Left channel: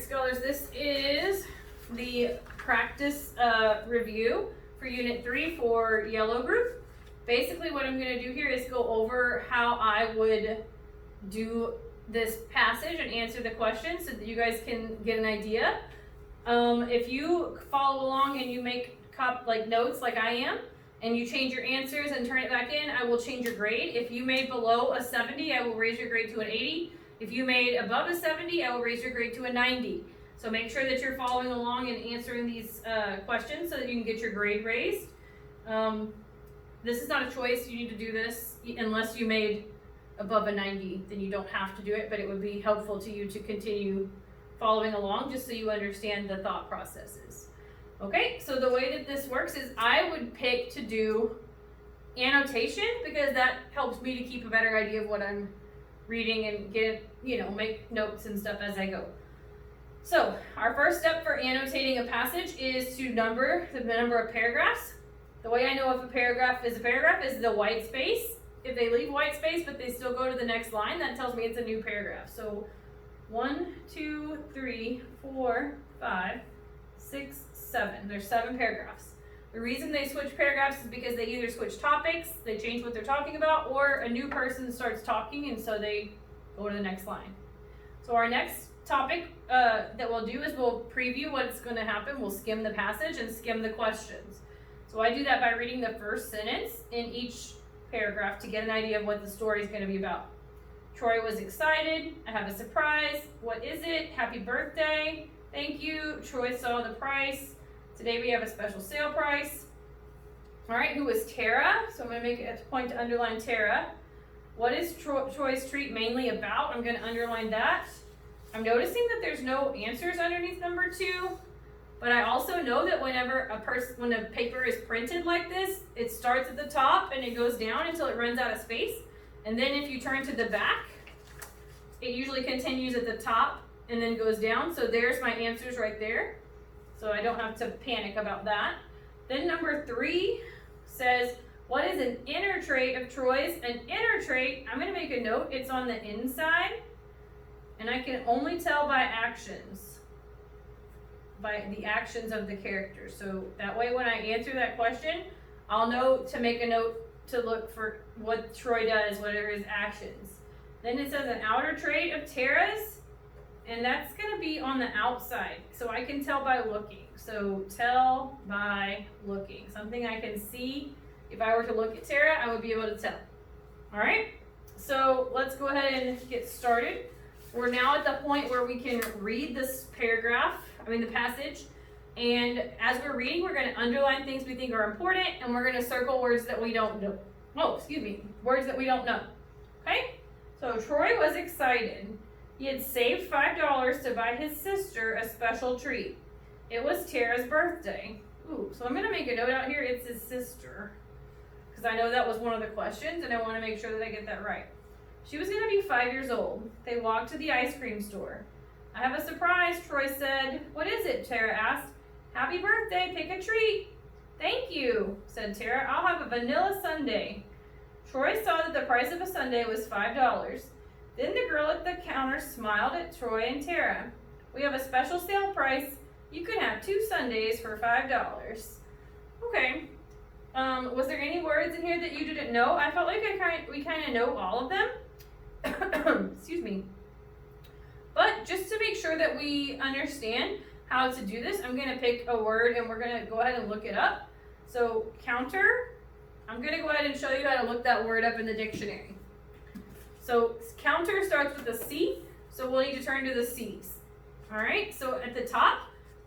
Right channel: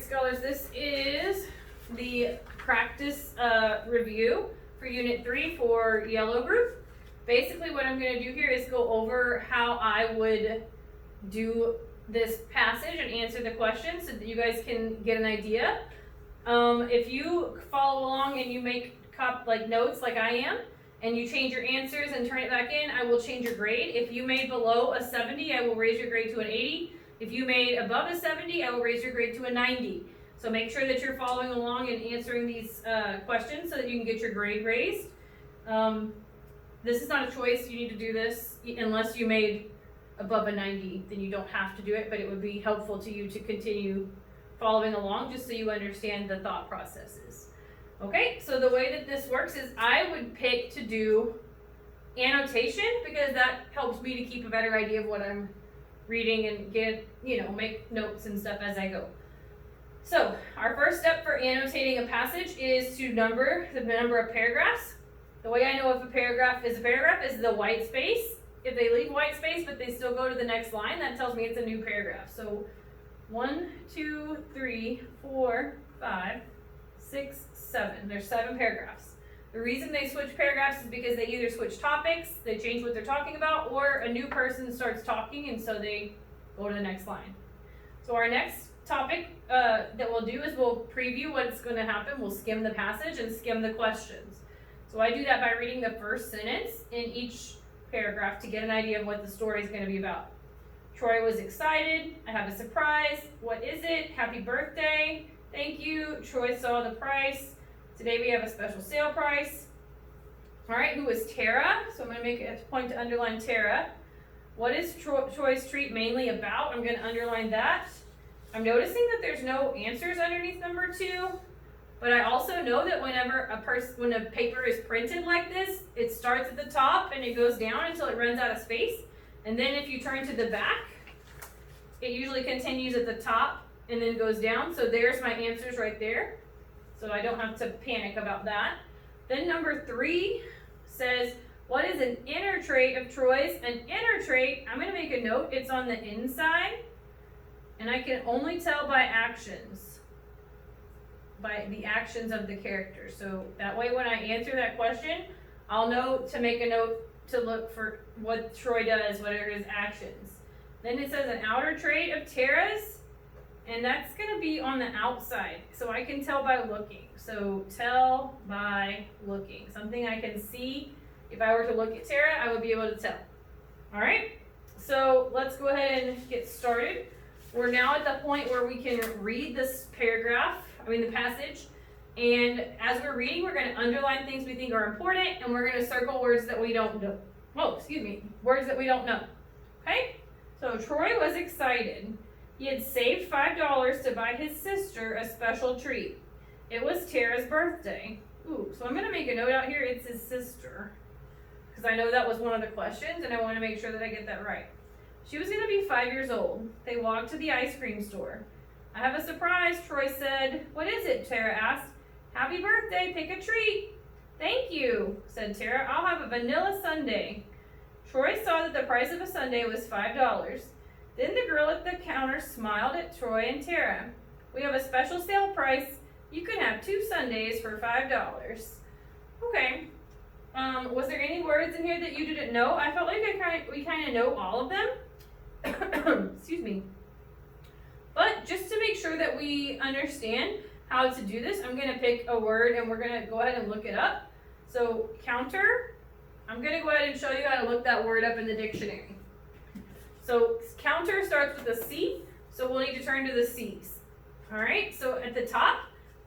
right, scholars, this is the practice review for Unit 3 for Yellow Group. Basically what I'm going to do here is go over how I would do this passage and answer the questions so that you guys can get an idea. If you follow along and you make notes like I am, and you change your answers and turn it back in, I will change your grade. If you made below a 70, I will raise your grade to an 80. If you made above a 70, I will raise your grade to a 90. So make sure that you're following along and answering these questions so that you can get your grade raised. This is not a choice. You need to do this unless you made above a 90, then you don't have to do it, but it would be helpful to you to continue following along just so you understand the thought processes. Okay, so the way that this works is I would pick to do annotation because that helps me to keep a better idea of what I'm reading and make notes and stuff as I go. So our first step for annotating a passage is to number the number of paragraphs. The way I know if a paragraph is the white space. If they leave white space but they still go to the next line, that tells me it's a new paragraph. So 1, 2, 3, 4, 5, 6, 7. There's 7 paragraphs. The reason they switch paragraphs is because they either switch topics, they change what they're talking about, or a new person starts talking and so they go to the next line. So our next topic that we'll do is we'll preview what's going to happen. We'll skim the passage and skim the questions. So I do that by reading the first sentence in each paragraph to get an idea of what the story is going to be about. Troy was excited. I have a surprise. What is it? Happy birthday. Thank you. Troy saw the price. Today we have a special sale price. All right, who is Tara? So I'm going to make a point to underline Tara. What is Troy's treat mainly about? I'm going to underline that. I'm noticing that there's no answers underneath number 2, but I also know that whenever when a paper is printed like this, it starts at the top and it goes down until it runs out of space. And then if you turn to the back, it usually continues at the top and then goes down. So there's my answers right there. So I don't have to panic about that. Then number 3 says, what is an inner trait of Troy's? An inner trait, I'm going to make a note, it's on the inside. And I can only tell by actions. By the actions of the character. So that way when I answer that question, I'll know to make a note to look for what Troy does, what are his actions. Then it says an outer trait of Tara's. And that's going to be on the outside, so I can tell by looking. So tell by looking. Something I can see. If I were to look at Tara, I would be able to tell. All right, so let's go ahead and get started. We're now at the point where we can read this the passage. And as we're reading, we're going to underline things we think are important, and we're going to circle words that we don't know. Words that we don't know. Okay, so Troy was excited. He had saved $5 to buy his sister a special treat. It was Tara's birthday. Ooh, so I'm going to make a note out here. It's his sister. Because I know that was one of the questions, and I want to make sure that I get that right. She was going to be 5 years old. They walked to the ice cream store. I have a surprise, Troy said. What is it? Tara asked. Happy birthday. Pick a treat. Thank you, said Tara. I'll have a vanilla sundae. Troy saw that the price of a sundae was $5. Then the girl at the counter smiled at Troy and Tara. We have a special sale price. You can have 2 sundaes for $5. Okay. Was there any words in here that you didn't know? I felt like we kind of know all of them. Excuse me. But just to make sure that we understand how to do this, I'm going to pick a word and we're going to go ahead and look it up. So counter, I'm going to go ahead and show you how to look that word up in the dictionary. So counter starts with a C, so we'll need to turn to the C's. All right, so at the top,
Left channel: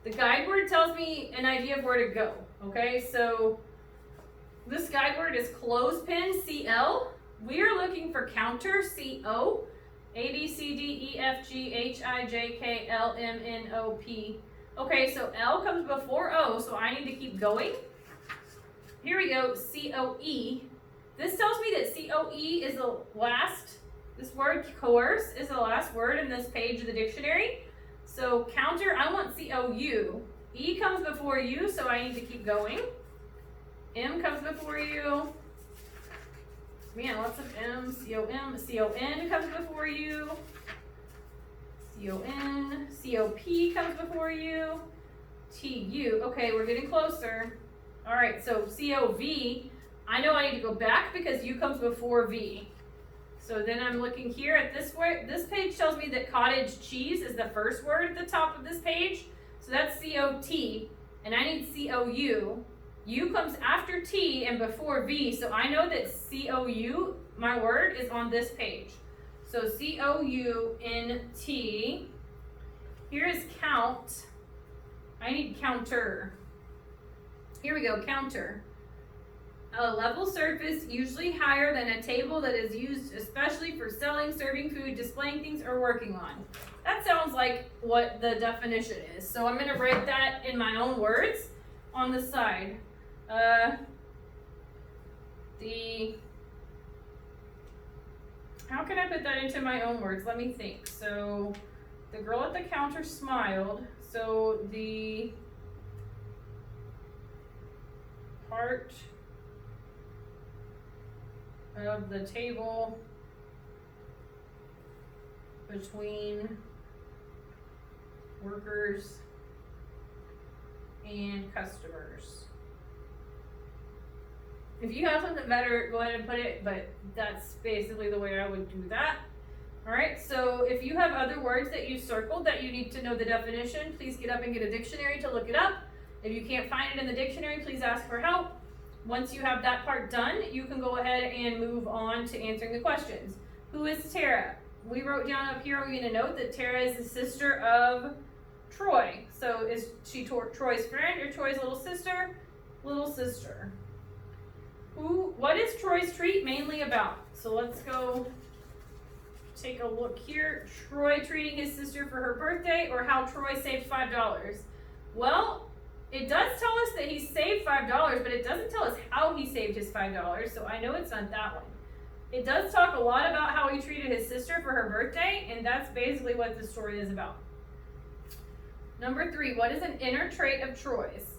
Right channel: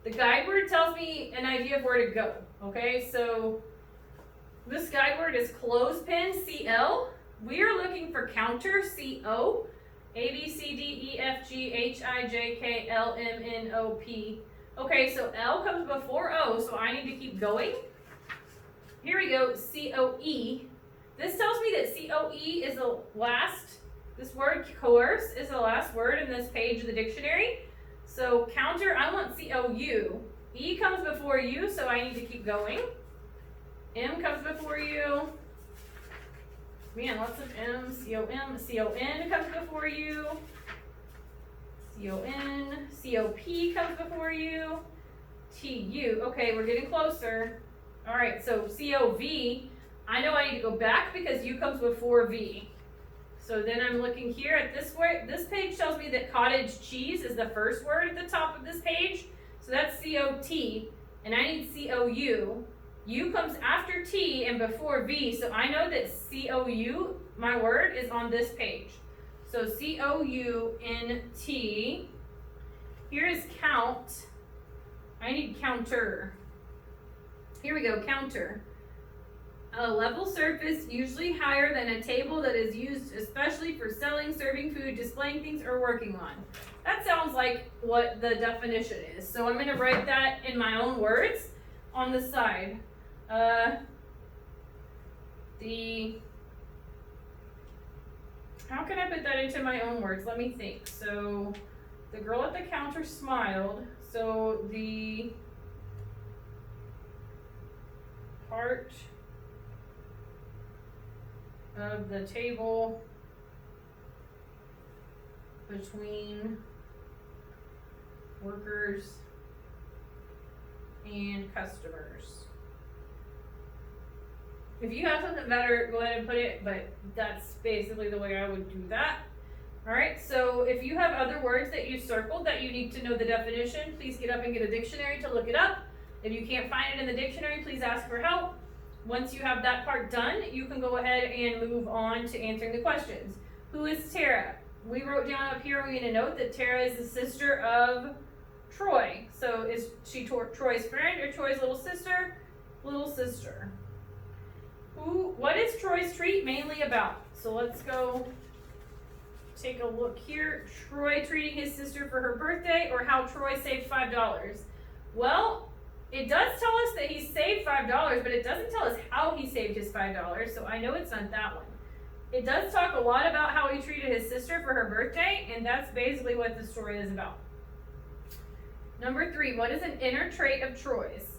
the guide word tells me an idea of where to go. Okay, so this guide word is clothespin, CL. We are looking for counter, CO. A, B, C, D, E, F, G, H, I, J, K, L, M, N, O, P. Okay, so L comes before O, so I need to keep going. Here we go, COE. This tells me that COE is the last. This word coerce is the last word in this page of the dictionary. So counter, I want COU. E comes before U, so I need to keep going. M comes before U. Man, lots of M's. C-O-M. C-O-N comes before U. C-O-N, C-O-P comes before you, T-U, okay, we're getting closer. All right, so C-O-V, I know I need to go back because U comes before V. So then I'm looking here at this word. This page tells me that cottage cheese is the first word at the top of this page. So that's C-O-T, and I need C-O-U. U comes after T and before V, so I know that C-O-U, my word, is on this page. So C-O-U-N-T. Here is count. I need counter. Here we go, counter. A level surface, usually higher than a table that is used especially for selling, serving food, displaying things, or working on. That sounds like what the definition is. So I'm going to write that in my own words on the side. How can I put that into my own words? Let me think. So the girl at the counter smiled. So the part of the table between workers and customers. If you have something better, go ahead and put it, but that's basically the way I would do that. Alright, so if you have other words that you circled that you need to know the definition, please get up and get a dictionary to look it up. If you can't find it in the dictionary, please ask for help. Once you have that part done, you can go ahead and move on to answering the questions. Who is Tara? We wrote down up here, I'm going to note that Tara is the sister of Troy. So is she Troy's friend or Troy's little sister? Little sister. What is Troy's treat mainly about? So let's go take a look here. Troy treating his sister for her birthday, or how Troy saved $5. Well, it does tell us that he saved $5, but it doesn't tell us how he saved his $5, so I know it's not that one. It does talk a lot about how he treated his sister for her birthday, and that's basically what the story is about. Number 3, what is an inner trait of Troy's?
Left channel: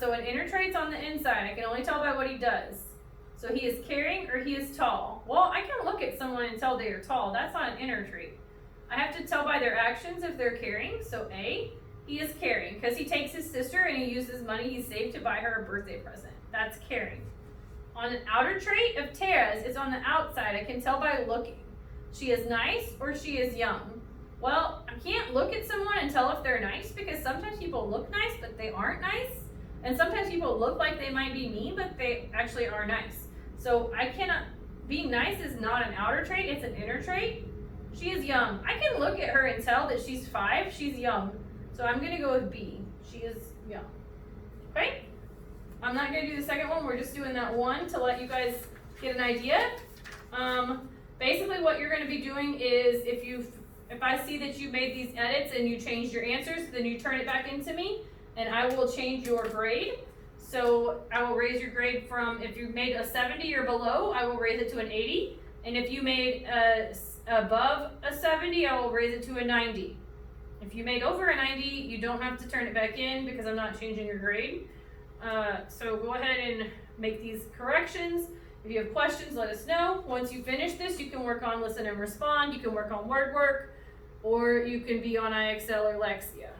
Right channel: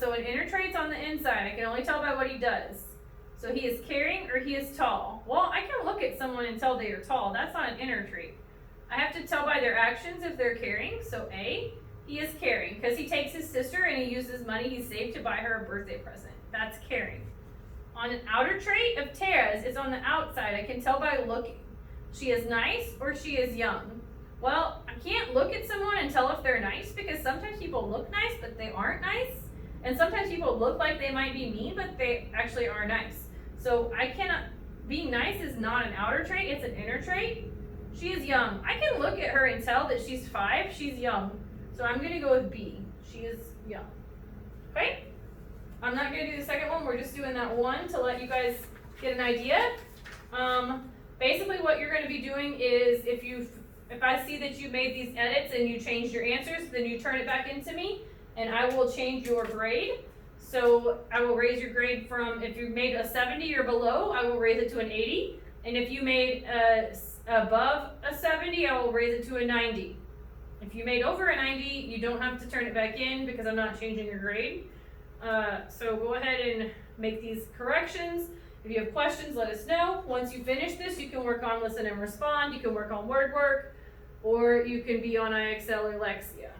So an inner trait's on the inside. I can only tell by what he does. So he is caring or he is tall. Well, I can look at someone and tell they are tall. That's not an inner trait. I have to tell by their actions if they're caring. So A, he is caring because he takes his sister and he uses money he saved to buy her a birthday present. That's caring. On an outer trait of Tara's, it's on the outside. I can tell by looking. She is nice or she is young. Well, I can't look at someone and tell if they're nice because sometimes people look nice, but they aren't nice. And sometimes people look like they might be mean, but they actually are nice. So I cannot, being nice is not an outer trait, it's an inner trait. She is young. I can look at her and tell that she's 5, she's young. So I'm gonna go with B, she is young. Okay? I'm not gonna do the second one, we're just doing that one to let you guys get an idea. Basically what you're gonna be doing is if I see that you made these edits and you changed your answers, then you turn it back into me and I will change your grade. So I will raise your grade from, if you made a 70 or below, I will raise it to an 80. And if you made above a 70, I will raise it to a 90. If you made over a 90, you don't have to turn it back in because I'm not changing your grade. So go ahead and make these corrections. If you have questions, let us know. Once you finish this, you can work on listen and respond. You can work on word work, or you can be on IXL or Lexia.